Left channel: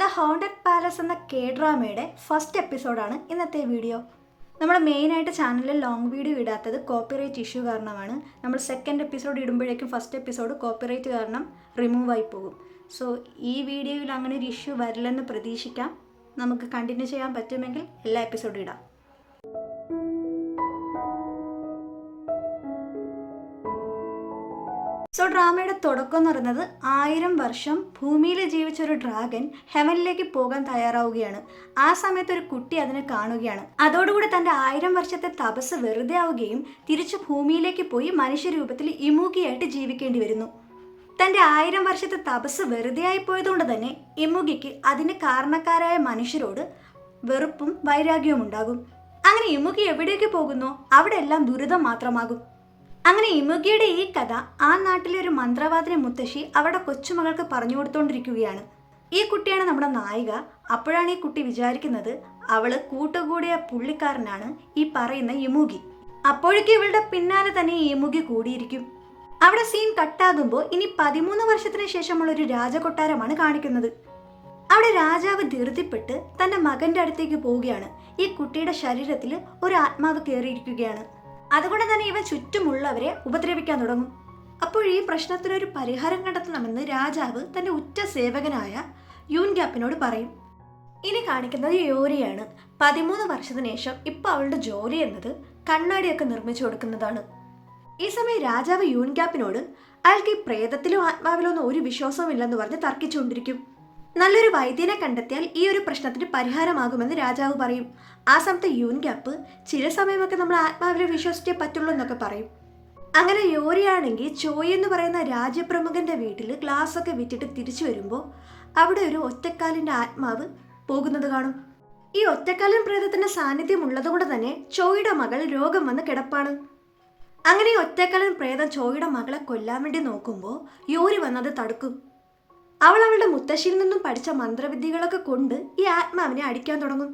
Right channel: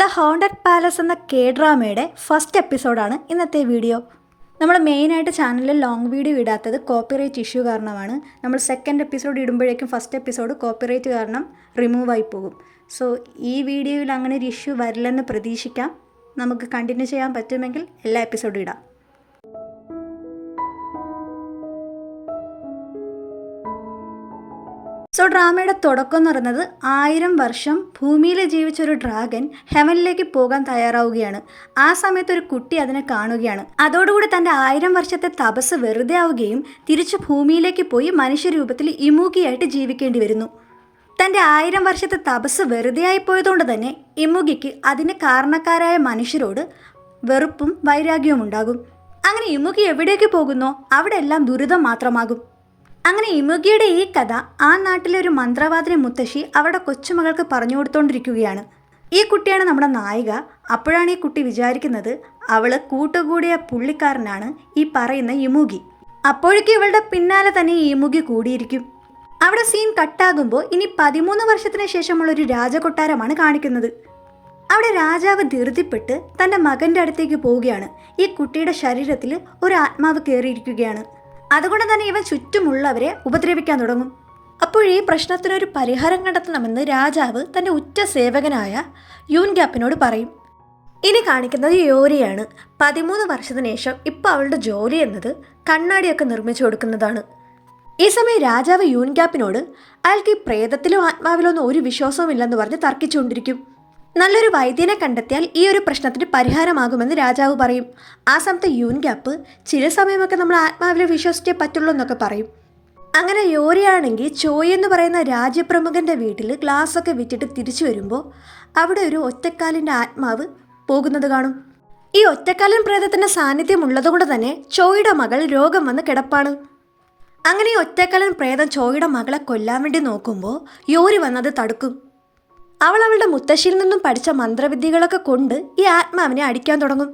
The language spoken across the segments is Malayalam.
ദ ഹോണ്ടഡ് പാലസ് എന്ന കെ ഡ്രാമയുടെ ഫസ്റ്റ് എപ്പിസോഡാണ് ഇന്നത്തെ വീഡിയോ. നമ്മൾ മെയിനായിട്ട് ചാനലിൽ ലോങ് വീഡിയോ ഇടാത്തത് കോപ്പിറൈറ്റ് ഇഷ്യൂ കാരണമാണ്. നമ്മൾ സെക്കൻഡ് എപ്പിസോഡ് ഇടുമ്പോഴേക്കും ഫസ്റ്റ് എപ്പിസോഡ് കോപ്പിറൈറ്റ് കാരണം റിമൂവ് ആയി പോകും. സോ ഈ വീഡിയോയിൽ അങ്ങനെ ഒരു ഇഷ്യൂ വരില്ലെന്ന് പ്രതീക്ഷിക്കാം. നമുക്ക് കണ്ടിന്യൂ ചെയ്യാൻ പറ്റുമെങ്കിൽ എല്ലാ എപ്പിസോഡും ഇടാം. സോ ഡ്രാമയുടെ തുടക്കം എന്ന് പറയുന്നത് 1000 വർഷം ഭൂമിയിൽ ജീവിച്ചൊരു ഡ്രാഗൺ ഹെവനിലേക്ക് പോകാൻ തയ്യാറാവുകയാണ്. ആ സമയത്ത് ഒരു കുട്ടി അതിനെ കാണുകയാണ്. അതോടുകൂടി തൻ്റെ 1000 വർഷത്തെ തപസ് വെറുതെ ആവുകയും തിരിച്ച് ഭൂമിയിലേക്ക് പോയി മനുഷ്യരൂപത്തിൽ ഇമൂഗിയായിട്ട് ജീവിക്കേണ്ടി വരുന്നു. തൻ്റെ 1000 വർഷത്തെ തപസ് വെറുതെ ആയി പോയതുകൊണ്ട് തന്നെ ഇമുഗിക്ക് അതിന് കാരണക്കാരായ മനുഷ്യരോട് വെറുപ്പും വൈരാഗ്യവും ഉണ്ടാകും. അങ്ങനെ ഇമുഗി എവിടേക്ക് പോകുന്നോ അവിടെ എല്ലാം ദുരിതം മാത്രമാകും. അങ്ങനെ ഇമുഗിയുടെ ഈ കഥ ആ നാട്ടിലെ ഒരു മന്ത്രവാദിനി മുത്തശ്ശി അവരുടെ കൊച്ചുമകൾക്ക് പറഞ്ഞു കൊടുത്തോണ്ടിരിക്കുകയാണ്. ഈ കുട്ടിയാണ് നമ്മുടെ നായിക. അപ്പോഴാണ് ഈ കുട്ടി വിചാരിക്കുന്നത് അവള് കൂട്ടുകൂടിയ പുള്ളിക്കാരനാണ് ഈ പറയുന്ന ഇമുഗി. അപ്പോഴേക്കും ഇവളുടെ പിന്നാലെ തന്നെ ഈ ഇമുഗി കൂടിയിരിക്കും. അവിടെ സീൻ കട്ടാകുമ്പോൾ ഇനി 13 വർഷത്തിന് ശേഷമുള്ള ഒരു രാജകൊട്ടാരമാണ് കാണിക്കുന്നത്. അവിടെ രാജാവ് ധൃതിപ്പെട്ട് തൻ്റെ മകൻ്റെ അടുത്തേക്ക് പോവുകയാണ്. ഈ കുട്ടിയുടെ ശരീരത്തിൽ ഒരു ആത്മാവ് കയറിയിരിക്കുകയാണ്. അതുകൊണ്ട് തന്നെ ഇവ ചുറ്റുമുള്ളവരെ ഉപദ്രവിക്കാൻ തുടങ്ങും. അപ്പോൾ ഈ പ്രശ്നത്തിനൊരു പരിഹാരം കണ്ടെത്തണമെന്ന് രാജാവ് തൻ്റെ ഉറ്റ സേവകനായ യൂൻഗ്യാപ്പിനോട് പറയും. ഇനി കാണിക്കുന്നത് യോരിയാണ്. 13 വർഷത്തിന് ശേഷം ഇപ്പോൾ അവളുടെ ജോലി എന്നത് കണ്ണാടിയൊക്കെ നിർമ്മിച്ചു കൊടുക്കുന്നതാണ്. ഈ സമയം രാജാവ് യൂൻഗ്യാപ്പിനോട് അയാൾക്ക് ഈ പ്രേതത്തിലോ ആത്മാവിലോ ഒന്നും ഒരു വിശ്വാസവും ഇല്ലെന്ന് പറഞ്ഞ് തർക്കിച്ചുകൊണ്ടിരിക്കും. നല്ലൊരു വൈദ്യനെ കണ്ടെത്തിയാൽ ഈ ഒരു പ്രശ്നത്തിന് പരിഹാരമാകുമെന്ന് രാജാവ് പറയും. ആ സമയത്ത് യൂൻഗ്യാപ്പ് ചില സമയമൊക്കെ നമ്മൾ ആത്മാവിനെ വിശ്വസിച്ചേ പറ്റുള്ളൂ എന്നൊക്കെ പറയും. അങ്ങനെ യോരിയാണെങ്കിൽ ചോയ് എന്ന് പറയുന്ന രാജ്യപ്രമുഖൻ്റെ വീട്ടിൽ ഗ്ലാസ്സൊക്കെ വിറ്റിട്ട് തിരിച്ചു വരുമ്പോൾ അവിടെ ഒരു ഒറ്റക്കാലിൻ്റെ ആത്മാവ് പോകുന്നത് കാണും. ഈ ഒറ്റക്കാലൻ പ്രേതത്തിൻ്റെ സാന്നിധ്യം ഉള്ളതുകൊണ്ട് തന്നെ ചോയുടെ മകൾ രോഗം വന്ന് കിടപ്പാണ്. അങ്ങനെ ഈ ഒറ്റക്കാലൻ പ്രേതം ചോയുടെ മകളെ കൊല്ലാൻ വേണ്ടി നോക്കുമ്പോൾ യോരി വന്നത് തടുക്കും. അവൾ അവളുടെ മുത്തശ്ശിയിൽ നിന്നും പഠിച്ച മന്ത്രവിദ്യകളൊക്കെ കൊണ്ട് ഈ ആത്മാവിനെ അടിക്കാൻ തുടങ്ങും.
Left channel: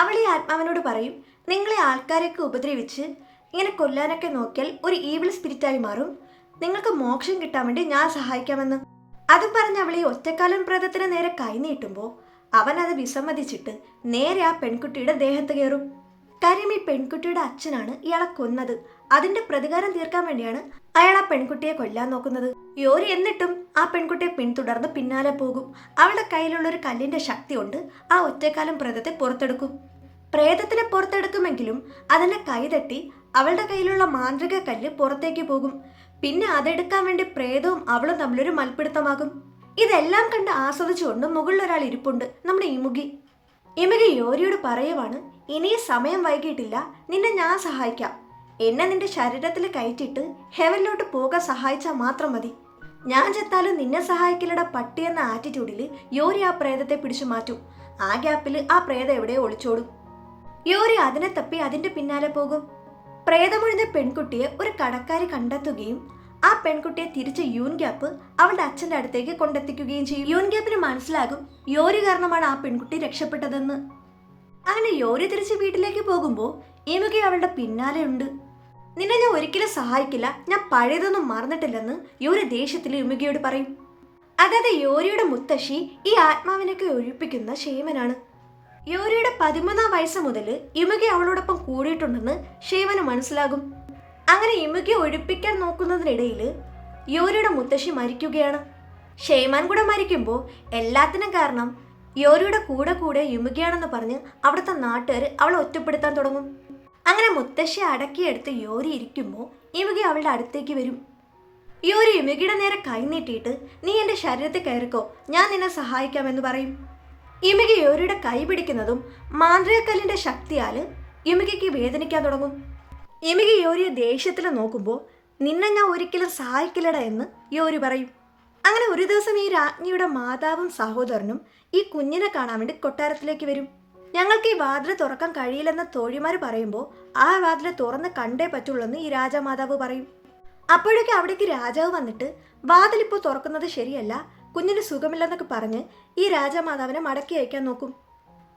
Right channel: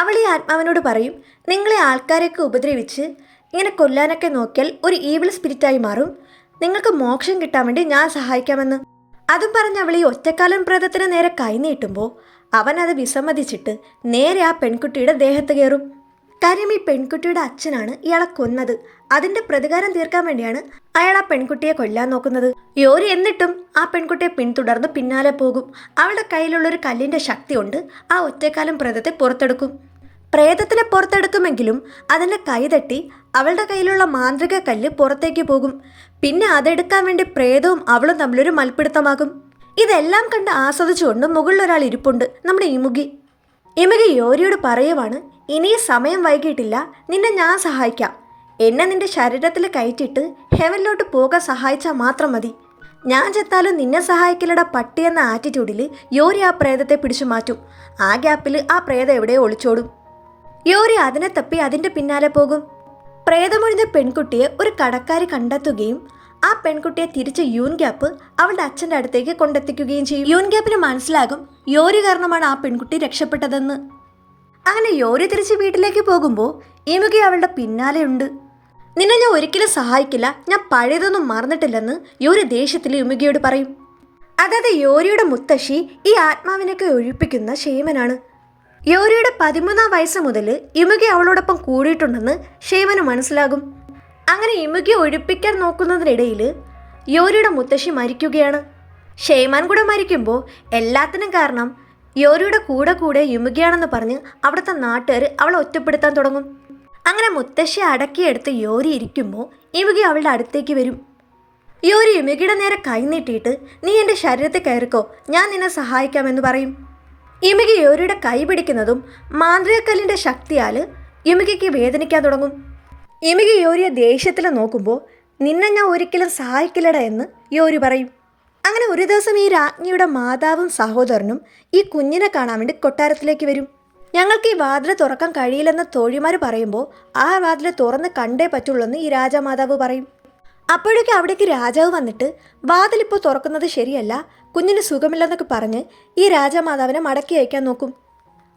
അവൾ ഈ ആത്മാവിനോട് പറയും, നിങ്ങളെ ആൾക്കാരെയൊക്കെ ഉപദ്രവിച്ച് ഇങ്ങനെ കൊല്ലാനൊക്കെ നോക്കിയാൽ ഒരു ഈവിൾ സ്പിരിറ്റായി മാറും, നിങ്ങൾക്ക് മോക്ഷം കിട്ടാൻ വേണ്ടി ഞാൻ സഹായിക്കാമെന്ന്. അതും പറഞ്ഞ് അവൾ ഈ ഒറ്റക്കാലൻ പ്രേതത്തിന് നേരെ കൈനീട്ടുമ്പോൾ അവൻ അത് വിസമ്മതിച്ചിട്ട് നേരെ ആ പെൺകുട്ടിയുടെ ദേഹത്ത് കയറും. കാര്യം ഈ പെൺകുട്ടിയുടെ അച്ഛനാണ് ഇയാളെ കൊന്നത്. അതിൻ്റെ പ്രതികാരം തീർക്കാൻ വേണ്ടിയാണ് അയാൾ ആ പെൺകുട്ടിയെ കൊല്ലാൻ നോക്കുന്നത്. യോരി എന്നിട്ടും ആ പെൺകുട്ടിയെ പിന്തുടർന്ന് പിന്നാലെ പോകും. അവളുടെ കയ്യിലുള്ളൊരു കല്ലിൻ്റെ ശക്തി കൊണ്ട് ആ ഒറ്റക്കാലം പ്രേതത്തെ പുറത്തെടുക്കും. പ്രേതത്തിനെ പുറത്തെടുക്കുമെങ്കിലും അതിൻ്റെ കൈതട്ടി അവളുടെ കയ്യിലുള്ള മാന്ത്രിക കല്ല് പുറത്തേക്ക് പോകും. പിന്നെ അതെടുക്കാൻ വേണ്ടി പ്രേതവും അവളും തമ്മിലൊരു മൽപ്പിടുത്തമാകും. ഇതെല്ലാം കണ്ട് ആസ്വദിച്ചുകൊണ്ട് മുകളിലൊരാൾ ഇരിപ്പുണ്ട്, നമ്മുടെ ഇമുഗി. ഇമുഗി യോരിയോട് പറയുവാണ്, ഇനി സമയം വൈകിട്ടില്ല, നിന്നെ ഞാൻ സഹായിക്കാം. എന്നെ നിന്റെ ശരീരത്തിൽ കയറ്റിയിട്ട് ഹെവനിലോട്ട് പോകാൻ സഹായിച്ചാൽ മാത്രം മതി. ഞാൻ ചെത്താലും നിന്നെ സഹായിക്കലട പട്ടി എന്ന ആറ്റിറ്റ്യൂഡിൽ യോരി ആ പ്രേതത്തെ പിടിച്ചു മാറ്റും. ആ ഗ്യാപ്പിൽ ആ പ്രേതം എവിടെയോ ഒളിച്ചോടും. യോരി അതിനെ തപ്പി അതിൻ്റെ പിന്നാലെ പോകും. പ്രേതമൊഴിഞ്ഞ പെൺകുട്ടിയെ ഒരു കടക്കാരി കണ്ടെത്തുകയും ആ പെൺകുട്ടിയെ തിരിച്ച് യൂൻഗ്യാപ്പ് അവളുടെ അച്ഛൻ്റെ അടുത്തേക്ക് കൊണ്ടെത്തിക്കുകയും ചെയ്യും. യൂൻഗ്യാപ്പിന് മനസ്സിലാകും യോരി കാരണമാണ് ആ പെൺകുട്ടി രക്ഷപ്പെട്ടതെന്ന്. അങ്ങനെ യോരി തിരിച്ച് വീട്ടിലേക്ക് പോകുമ്പോൾ ഇമുഗി അവളുടെ പിന്നാലെ ഉണ്ട്. നിന്നെ ഞാൻ ഒരിക്കലും സഹായിക്കില്ല, ഞാൻ പഴയതൊന്നും മറന്നിട്ടില്ലെന്ന് യോരി ദേഷ്യത്തിൽ ഇമുഗിയോട് പറയും. അതായത് യോരിയുടെ മുത്തശ്ശി ഈ ആത്മാവിനൊക്കെ ഒഴിപ്പിക്കുന്ന ഷേമനാണ്. യോരിയുടെ 13-ാം വയസ്സ് മുതൽ ഇമുഗി അവളോടൊപ്പം കൂടിയിട്ടുണ്ടെന്ന് ഷേമന് മനസ്സിലാകും. അങ്ങനെ ഇമുഗിയെ ഒഴിപ്പിക്കാൻ നോക്കുന്നതിനിടയിൽ യോരിയുടെ മുത്തശ്ശി മരിക്കുകയാണ്. ഷേമാൻ കൂടെ മരിക്കുമ്പോൾ എല്ലാത്തിനും കാരണം യോരിയുടെ കൂടെ ഇമുഗിയാണെന്ന് പറഞ്ഞ് അവിടുത്തെ നാട്ടുകാർ അവളെ ഒറ്റപ്പെടുത്താൻ തുടങ്ങും. അങ്ങനെ മുത്തശ്ശി അടക്കിയെടുത്ത് യോരി ഇരിക്കുമ്പോൾ ഇമുഗി അവളുടെ അടുത്തേക്ക് വരും. യോരി ഇമുഗിയുടെ നേരെ കൈനീട്ടിയിട്ട് നീ എൻ്റെ ശരീരത്തിൽ കയറിക്കോ, ഞാൻ നിന്നെ സഹായിക്കാമെന്ന് പറയും. ഇമുഗി യോരിയുടെ കൈ പിടിക്കുന്നതും മാന്ത്രികക്കല്ലിൻ്റെ ശക്തിയാൽ ഇമുഗിക്ക് വേദനിക്കാൻ തുടങ്ങും. ഇമുഗി യോരിയെ ദേഷ്യത്തിൽ നോക്കുമ്പോൾ നിന്നെ ഞാൻ ഒരിക്കലും സഹായിക്കില്ലട എന്ന് യോരി പറയും. അങ്ങനെ ഒരു ദിവസം ഈ രാജ്ഞിയുടെ മാതാവും സഹോദരനും ഈ കുഞ്ഞിനെ കാണാൻ വേണ്ടി കൊട്ടാരത്തിലേക്ക് വരും. ഞങ്ങൾക്ക് ഈ വാതിൽ തുറക്കാൻ കഴിയില്ലെന്ന് തോഴിമാർ പറയുമ്പോൾ ആ വാതിൽ തുറന്ന് കണ്ടേ പറ്റുള്ളൂ എന്ന് ഈ രാജാമാതാവ് പറയും. അപ്പോഴേക്കും അവിടേക്ക് രാജാവ് വന്നിട്ട് വാതിലിപ്പോൾ തുറക്കുന്നത് ശരിയല്ല, കുഞ്ഞിന് സുഖമില്ലെന്നൊക്കെ പറഞ്ഞ് ഈ രാജാമാതാവിനെ മടക്കി അയക്കാൻ നോക്കും.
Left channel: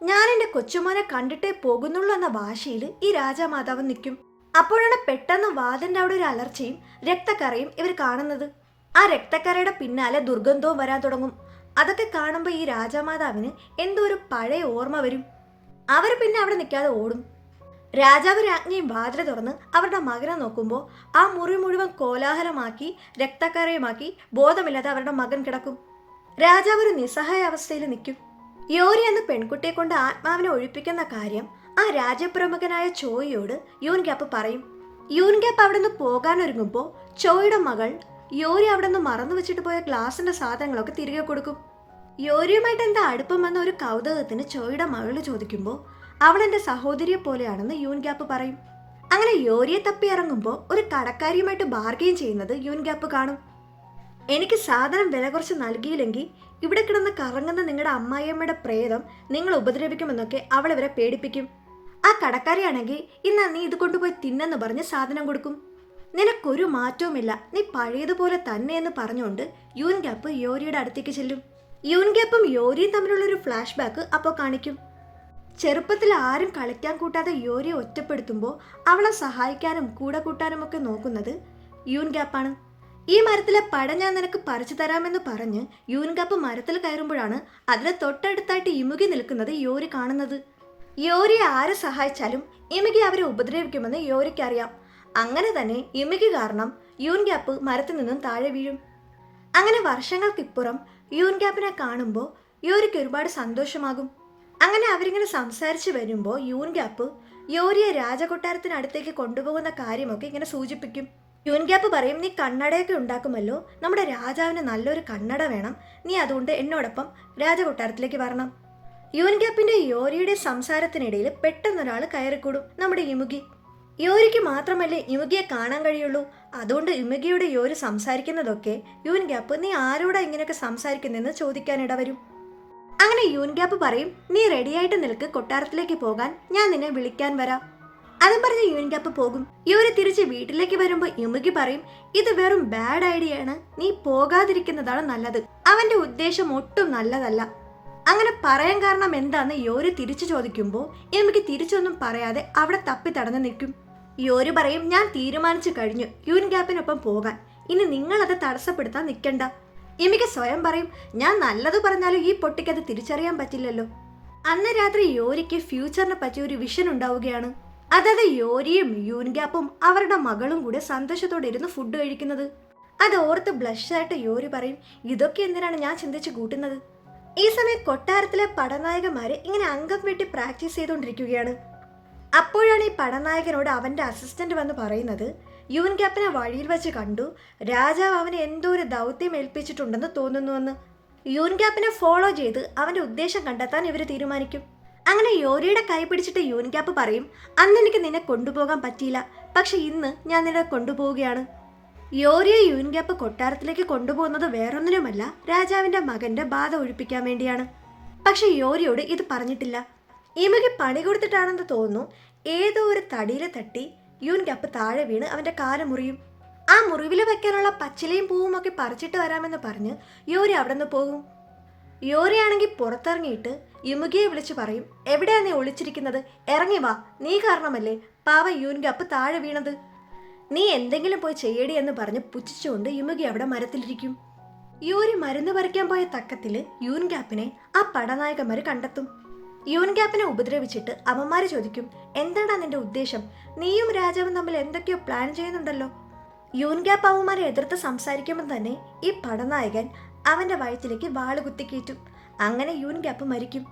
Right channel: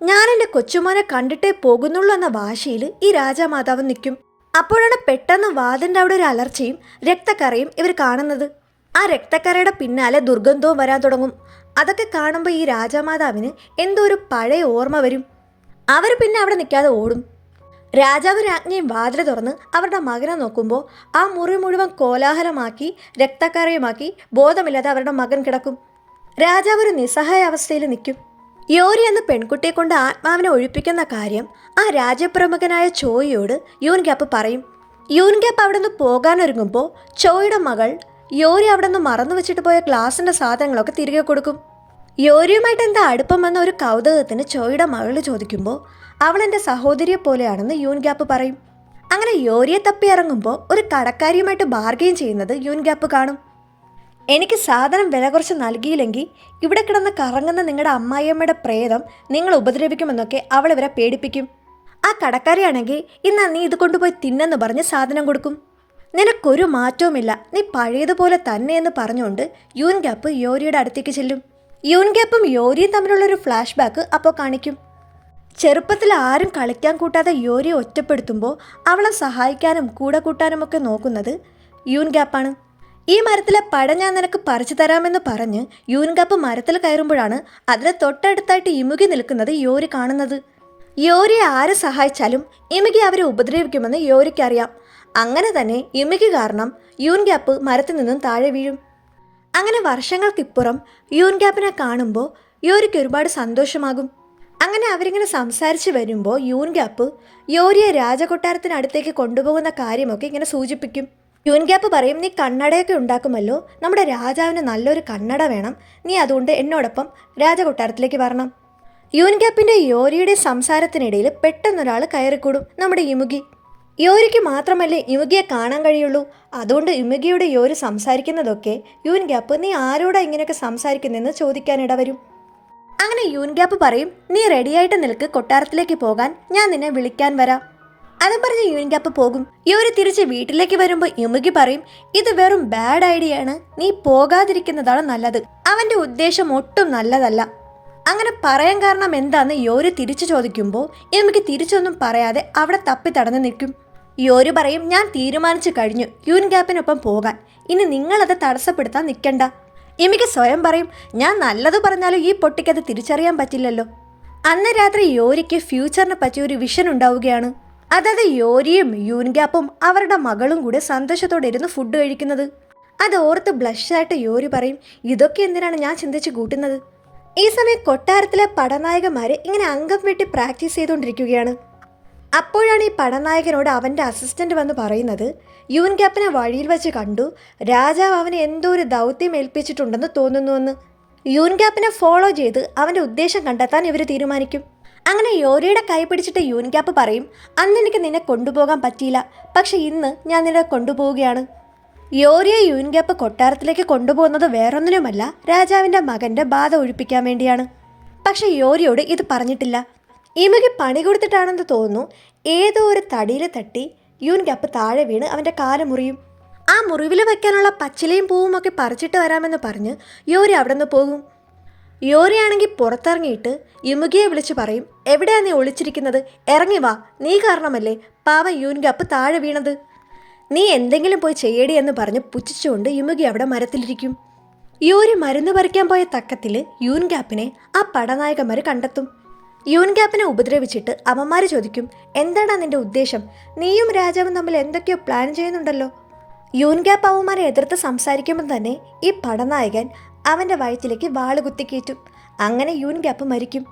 ഞാൻ എൻ്റെ കൊച്ചുമോനെ കണ്ടിട്ടേ പോകുന്നുള്ളൂ എന്ന വാശിയിൽ ഈ രാജാമാതാവ് നിൽക്കും. അപ്പോഴാണ് പെട്ടെന്ന് വാതിൻ്റെ അവിടെ ഒരു അലർച്ചയും രക്തക്കറയും ഇവർ കാണുന്നത്. ആ രക്തക്കറയുടെ പിന്നാലെ ദുർഗന്ധവും വരാൻ തുടങ്ങും. അതൊക്കെ കാണുമ്പോൾ ഈ രാജാമാതാവിന് എന്തോ ഒരു പഴയ ഓർമ്മ വരും. അവർ പിന്നെ അവിടെ നിൽക്കാതെ ഓടും. രാജാവ് രാജ്ഞിയും വാതിൽ തുറന്ന് അവരുടെ മകനെ നോക്കുമ്പോൾ ആ മുറി മുഴുവൻ കോലാഹലമാക്കി രക്തക്കറയുമാക്കി ബോധമില്ലാതെ അവരുടെ മകൻ കിടക്കും. രാജാവ് ഒരു നിസ്സഹായ അവസ്ഥയിൽ നിൽക്കും. യോരി എന്ന പെൺകുട്ടിയെ കൊണ്ട് ആത്മാവിനെ ഒഴിപ്പിക്കുന്ന കാര്യം ആ രാജ്യപ്രമുഖനായ ചോയിയോട് യൂൻഗ്യാപ്പ് പറയും. യൂൻഗ്യാപ്പ് അവിടെ നിന്ന് പോകാനൊരുങ്ങുമ്പോൾ ചോയുടെ മകൾ യോരി അവിടെ നിന്ന് മറന്നു വെച്ചിട്ട് പോയ ഗ്ലാസിൻ്റെ സാധനങ്ങളൊക്കെ തിരികെ കൊടുക്കും. യോരിയുമായിട്ട് എന്താ അടുപ്പമെന്ന ഒരു കൗതുകത്തിന് ചോയുടെ മകൾ ചോദിക്കുമ്പോൾ അവൾ എൻ്റെ സഹോദരിയെ പോലെയാണെന്ന് യൂൻഗ്യാപ്പ് പറയും. അങ്ങനെ യോരിയെ തപ്പി ഇറങ്ങുമ്പോൾ ഒരു കടക്കാരിയുമായിട്ട് ബാർഗെയിൻ ചെയ്യുന്നത് യൂൻഗ്യാപ്പ് കാണും. എനിക്ക് സാധനം വില കുറച്ച് നൽകിയില്ലെങ്കിൽ ഇവിടെ കിടന്ന് കറങ്ങുന്ന നിങ്ങളുടെ അമ്മായിയമ്മയുടെ പ്രേതം നിങ്ങൾ ഉപദ്രവിക്കുമെന്നൊക്കെ അവൾ ഇവരെ പേടിപ്പിക്കും. ആ കടക്കാരിയാണെങ്കിൽ ഇന്ന് നീ ഇത് കൊണ്ടുപോയി തിന്നെന്ന് പറഞ്ഞ് സാധനം കൊടുക്കും. നിനക്കൊരു മാറ്റവുമില്ല, നീ പഴയതുപോലെ തന്നെയെന്ന് പറഞ്ഞുകൊണ്ട് യൂൻഗ്യാപ്പ് യോരിയുടെ അടുത്തേക്ക് ചെല്ലും. യൂൻഗ്യാപ്പും യോരിയും തമ്മിലുള്ളൊരു ഫ്ലാഷ് ബാക്ക് അപ്പോൾ കാണിക്കും. ചെറുപ്പത്തിൽ ആരും കളിക്കാൻ കൂട്ടാതെ യോരിയെ ഒറ്റപ്പെടുത്തുമ്പോൾ അവളെ സഹായിക്കാനും കൂടെ കൂട്ടാനുമൊക്കെ നോക്കുന്നത് യൂൻഗ്യാപ്പാണ്. ഈ മരത്തിലെ പഴം ഞാൻ നിനക്ക് പറിച്ചു തരാമെന്ന് പറഞ്ഞ് യൂൻഗ്യാപ്പ് മരത്തിൽ കയറുമ്പോഴാണ് അതിന് തൊട്ടടുത്തായിട്ട് ഇമുകി നിൽക്കുന്നത് യോരി കാണുന്നത്. യോരിയെ ആര് സഹായിച്ചാലും ഇമുകി അവരെ ഉപദ്രവിക്കുമെന്ന് യോരിക്കറിയാം. അങ്ങനെ തന്നെ ഇമുകി കാരണം യൂൻഗ്യാപ്പ് മരത്തിൽ നിന്നും താഴെ വീഴും. അങ്ങനെ വർഷങ്ങൾക്കിപ്പുറം യൂൻഗ്യാപ്പിനെ കാണുമ്പോൾ യോരിക്ക് ഒരുപാട് സന്തോഷമാകും. അങ്ങനെ അവരിങ്ങനെ സംസാരിച്ച് വരുമ്പോൾ യൂൻഗ്യാപ്പ് യോരിയെ രാജകൊട്ടാരത്തിനടുത്തേക്ക് കൊണ്ടുപോകുന്ന കാര്യമൊക്കെ ഇങ്ങനെ സൂചിപ്പിക്കും. യൂൻഗ്യാപ്പ് പറയും, നീ കണ്ണടയൊക്കെ ഉണ്ടാക്കുമല്ലോ, നമ്മുടെ രാജാവിന് നല്ലൊരു കണ്ണട വേണം, നീ അതുകൊണ്ട് എന്നോടൊപ്പം രാജകൊട്ടാരത്തിലേക്ക് വരണം. യൂൻഗ്യാപ്പിൻ്റെ യോരിയുടെ സംസാരത്തിനിടയിൽ പെട്ടെന്നൊരാൾ കയറിക്കൂടും, നമ്മുടെ ഇമുകി. യോരിക്ക് മാത്രമല്ലേ ഇമുകിയെ കാണാൻ കഴിയുള്ളൂ. അതുകൊണ്ട് ഇമുകിയുടെ യോരി സംസാരിക്കുന്നതൊക്കെ യൂൻഗ്യാപ്പ് നീ ആരോടാ ഇങ്ങനെയൊക്കെ സംസാരിക്കുന്നതെന്ന് ചോദിക്കാനിട വരും. അങ്ങനെ യൂൻഗ്യാപ്പ് പറയും, നീ റെഡിയായിട്ട് നിൽക്ക്, കൊട്ടാരത്തിലേക്ക് പോകാൻ ഞാൻ നിന്നെ വിളിക്കാൻ വരാം. അതും പറഞ്ഞ് യൂൻഗ്യാപ്പ് പോകും. യോരി തിരിച്ച് വീട്ടിലേക്ക് വരുമ്പോൾ ഇമുകി പറയും, ഇത് വെറും ബാഡ് ഐഡിയ ആണ്, നീ പോകാതിരിക്കുന്നതാണ് നല്ലത്, അവൻ്റെ ഉദ്ദേശം ഒട്ടും നല്ലതല്ല. അങ്ങനെ പറയാൻ കാരണം എന്താന്ന് യോരി തിരിച്ചു ചോദിക്കുമ്പോൾ ഇമുകി തിരിച്ചൊന്നും പറയാതെ അവിടെ തപ്പി തടഞ്ഞു നിൽക്കും. യോരി പറയും, ഞാൻ തീരുമാനിച്ചു കഴിഞ്ഞു യൂൻഗ്യാപ്പിനൊപ്പം പോകാൻ, ഇനി നിങ്ങളത് തടസ്സപ്പെടുത്താൻ നിൽക്കണ്ട. ഇമുകി സ്വയം പറയും, ഞാൻ നല്ലത് പറഞ്ഞാലും ഈ പൊട്ടിക്കത് തിരിച്ചറിയാൻ പറ്റില്ലല്ലോ. അന്ന് രാത്രി യോരിക്ക് ഫ്യൂച്ചറിനെ പറ്റി ഒരു വിഷൻ ഉണ്ടാവുകയാണ്. അതായത് യോരിയും യൂൻഗ്യാപ്പും അവരുടെ മകളും കൂടെ സന്തോഷത്തോടെ ഇരുന്ന് ഫുഡ് കഴിക്കുന്നത്. അത് ഓർത്ത് ബ്ലഷായിട്ട് യോരി പറയും, ഇതൊക്കെ എന്തിനാണ് ഞാൻ ചിന്തിച്ച് കൂട്ടുന്നത്. ഈ സമയം കൊട്ടാരത്തിലെ പടനായകന്മാർ ഇങ്ങനെ അംഗം വെട്ടി പ്രാക്ടീസ് ചെയ്തുകൊണ്ടിരിക്കുകയാണ്. അപ്പോഴാണ് ഈ പടനായകനോട് അവൻ്റെ അസിസ്റ്റൻ്റ് വന്ന് പറയുന്നത്, യൂൻഗ്യാപ്പിനെ വഴിയിൽ വെച്ച് കണ്ടു, രാജാവ് അവനെ എന്തോ ഒരു ദൗത്യം ഏൽപ്പിച്ചിട്ടുണ്ടെന്ന് തോന്നുന്നുവെന്ന്. യൂൻഗ്യാപ്പിനെ ഫോളോ ചെയ്ത് അവൻ്റെ ഉദ്ദേശം കണ്ടെത്താൻ ഇവർ തീരുമാനിക്കും. അങ്ങനെ യോരിയുടെ കൈ പിടിച്ചിട്ട് യൂൻഗ്യാപ്പ് പറയും, അന്ന് എനിക്ക് നിന്നെ കൊണ്ടുപോകാൻ പറ്റിയില്ല, പക്ഷെ ഇന്ന് ഞാൻ നിന്നെ കൊണ്ടുപോവുകയാണ്. യോരിയെ യൂൻഗ്യാപ്പ് കൊട്ടാരത്തിലേക്ക് കൊണ്ടുപോകുന്നത് വേറൊന്നിനുമല്ല, രാജാവിൻ്റെ മകൻ്റെ ബാധ ഒഴിപ്പിക്കാൻ വേണ്ടിയാണ്. പക്ഷെ യോരിയോട് ഇത് പറഞ്ഞിട്ടില്ല. ഇമുകി പണി കൊടുത്തിട്ടാണെന്ന് തോന്നുന്നു, ഏതോ ഒരു തടിയിൽ തട്ടി യൂൻഗ്യാപ്പ് താഴെ വീണ് അവൻ്റെ കാല് മുറിയും. ആ മുറിവിൽ വയ്ക്കാനുള്ള പച്ചിലയും പൂവും ഒക്കെ പറിച്ചിട്ട് വരാമെന്ന് പറഞ്ഞ് യോരി അവിടെ നിന്ന് പോകും. യോരിയാണെങ്കിൽ പുറത്തിറങ്ങിയിട്ട് ഇമുകിയെ വിളിച്ച് പറയും, എവിടെയാണ് നീ ഒളിച്ചിരിക്കുന്നത്, ഇറങ്ങി വാ, നീ കാരണമല്ലേ പാവ യൂൻഗ്യാപ്പ് താഴെ വീണത്, നീ എന്തെങ്കിലും പോയി ചെയ്യടി എന്ന് പറഞ്ഞ് പുച്ഛിച്ചുകൊണ്ട് ഇമുകി അവിടെ മരത്തിലിരിക്കും. യോരി മരുന്ന് പറിക്കാൻ പോയ തക്കത്തിൽ യൂൻഗ്യാപ്പിനെ ആ പടനായകന്മാർ കണ്ടെത്തും. യൂൻഗ്യാപ്പിനെ ഉപദ്രവിച്ചിട്ട് അവന്മാർ ചോദിക്കും, എന്താണ് നിന്റെ ഉദ്ദേശം, നീയും രാജാവും തമ്മിൽ എന്തൊക്കെയോ പ്ലാൻ ചെയ്യുന്നുണ്ടല്ലോ. യൂൻഗ്യാപ്പ് അവന്മാരെ എതിർത്ത് സംസാരിക്കുമ്പോൾ തന്നെ ഈ പടനായകൻ അവൻ്റെ വയറ്റിലേക്ക് വാള് കുത്തിക്കയറ്റും. അങ്ങനെ യൂൻഗ്യാപ്പ് മരിക്കും.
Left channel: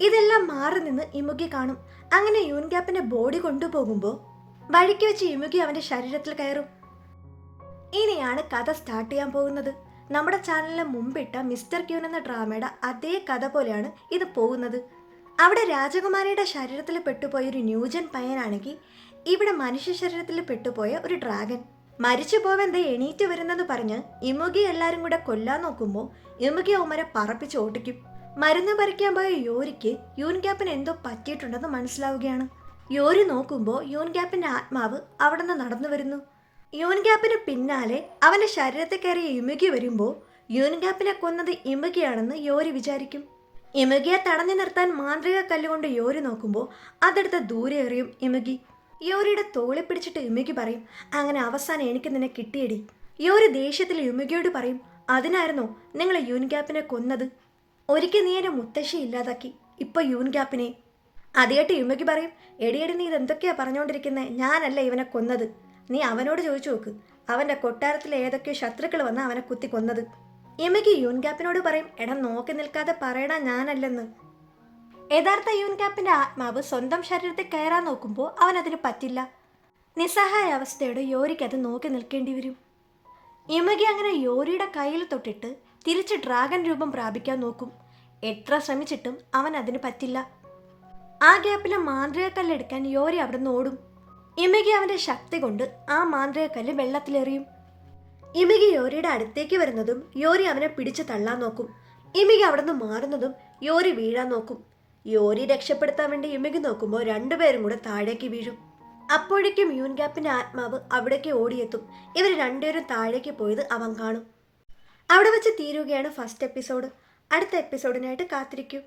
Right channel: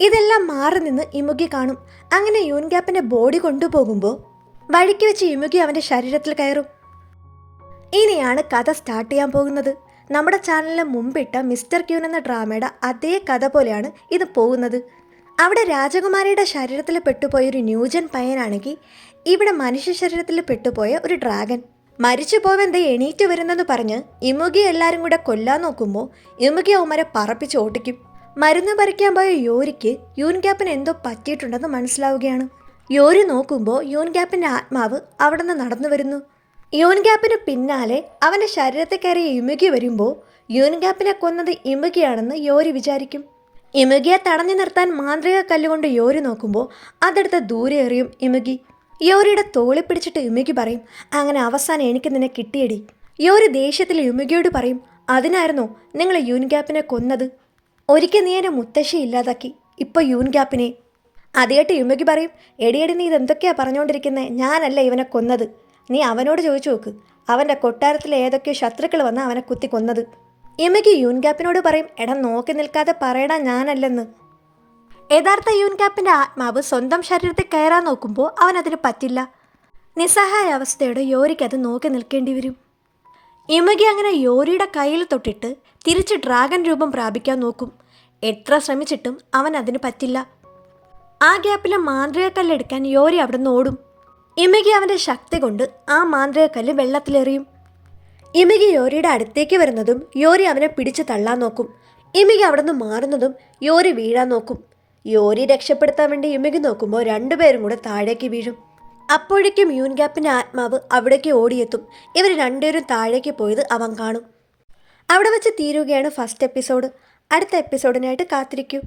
ഇതെല്ലാം മാറി നിന്ന് ഇമുകി കാണും. അങ്ങനെ യൂൻഗ്യാപ്പിൻ്റെ ബോഡി കൊണ്ടുപോകുമ്പോൾ വഴിക്ക് വെച്ച് ഇമുകി അവൻ്റെ ശരീരത്തിൽ കയറും. ഇനിയാണ് കഥ സ്റ്റാർട്ട് ചെയ്യാൻ പോകുന്നത്. നമ്മുടെ ചാനലിന് മുമ്പിട്ട മിസ്റ്റർ ക്യൂൻ എന്ന ഡ്രാമയുടെ അതേ കഥ പോലെയാണ് ഇത് പോകുന്നത്. അവിടെ രാജകുമാരിയുടെ ശരീരത്തിൽ പെട്ടുപോയ ഒരു ന്യൂജൻ പയ്യനാണെങ്കിൽ ഇവിടെ മനുഷ്യ ശരീരത്തിൽ പെട്ടുപോയ ഒരു ഡ്രാഗൻ. മരിച്ചു പോവെന്ത് എണീറ്റ് വരുന്നെന്ന് പറഞ്ഞ് ഇമുകി എല്ലാവരും കൂടെ കൊല്ലാൻ നോക്കുമ്പോൾ ഇമുകി അവന്മാരെ പറപ്പിച്ച് ഓട്ടിക്കും. മരുന്ന് പറിക്കാൻ പോയ യോരിക്ക് യൂൻഗ്യാപ്പിന് എന്തോ പറ്റിയിട്ടുണ്ടെന്ന് മനസ്സിലാവുകയാണ്. യോരി നോക്കുമ്പോൾ യൂൻഗ്യാപ്പിൻ്റെ ആത്മാവ് അവിടെ നിന്ന് നടന്നു വരുന്നു. യൂൻഗ്യാപ്പിന് പിന്നാലെ അവൻ്റെ ശരീരത്തിൽ കയറിയ ഇമുകി വരുമ്പോൾ യൂൻഗ്യാപ്പിനെ കൊന്നത് ഇമുകിയാണെന്ന് യോരി വിചാരിക്കും. ഇമുകിയെ തടഞ്ഞു നിർത്താൻ മാന്ത്രിക കല്ലുകൊണ്ട് യോരി നോക്കുമ്പോൾ അതെടുത്ത് ദൂരെ എറിയും ഇമുകി. യോരിയുടെ തോളി പിടിച്ചിട്ട് ഇമുകി പറയും, അങ്ങനെ അവസാനം എനിക്ക് നിന്നെ കിട്ടിയടി. യോരി ദേഷ്യത്തിൽ ഇമുകിയോട് പറയും, അതിനായിരുന്നോ നിങ്ങൾ യൂൻഗ്യാപ്പിനെ കൊന്നത്. ഒരിക്കൽ നീ എൻ്റെ മുത്തശ്ശി ഇല്ലാതാക്കി, ഇപ്പോൾ യൂൻ ഗ്യാപ്പിനെ. അതേട്ട് യുമയ്ക്ക് പറയും, എടിയടി നീ ഇതെന്തൊക്കെയാ പറഞ്ഞുകൊണ്ടിരിക്കുന്നത്, ഞാനല്ല ഇവനെ കൊന്നത്. നീ അവനോട് ചോദിച്ചു നോക്ക്, അവൻ്റെ കൊട്ടാരത്തിലെ ഏതൊക്കെയോ ശത്രുക്കൾ വന്ന് അവനെ കുത്തി കൊന്നത്. യുമയ്ക്ക് യൂൻ ഗ്യാപ്പിനോട് പറയും, എടാ നോക്കി നിൽക്കാതെ പറയടാ ഞാനല്ലെന്ന്. യഥാർത്ഥ യൂൻ ഗ്യാപ്പിൻ്റെ ആത്മാവ് സ്വന്തം ശരീരത്തിൽ കയറാൻ നോക്കുമ്പോൾ അവനതിന് പറ്റില്ല. നിസ്സഹായ അവസ്ഥയോടെ യോരിക്ക് അത് നോക്കി നിൽക്കേണ്ടി വരും. യുമകി അങ്ങനെ യോരിയുടെ കയ്യിൽ തൊട്ടിട്ട് തിരിച്ച് ഡ്രാഗൺ രൂപം പ്രാപിക്കാൻ നോക്കും. എത്ര ശ്രമിച്ചിട്ടും അവൻ അതിന് പറ്റില്ല. ആ ഗ്യാപ്പിലെ മാന്ത്രിക കല്ലെടുക്കാൻ യോരി അവിടെ നിന്ന് ഓടും. യുമകി അവൻ്റെ ശക്തി കൊണ്ട് ആ മാന്ത്രിക കല്ല് വെള്ളത്തിലെറിയും. യുമകി യോരിയുടെ അടുത്തേക്ക് വരുന്നതും യോരി അവനെ പിടിച്ച് തള്ളാൻ നോക്കും. യുമകി അവിടെ നിന്ന് മാറുന്നതും യോരി വീഴാൻ നോക്കും. യോരി രക്ഷപ്പെടുത്താൻ വേണ്ടി യുമകി നോക്കുമ്പോൾ രണ്ടുപേരും കൂടെ താഴേക്ക് വീഴും. അപ്പോഴേക്കും യൂൻ ഗ്യാപ്പിൻ്റെ ആത്മാവ് അവിടേക്ക് ഓടിയെത്തും. ഇവർ രണ്ടുപേരും താഴേക്ക് പോയത് അവൻ കാണും. അവിടെ വെച്ച് തീരുകയാണ് ഫസ്റ്റ് എപ്പിസോഡ്. അടുത്ത എപ്പിസോഡിനായിട്ട് കാത്തിരിക്കൂ.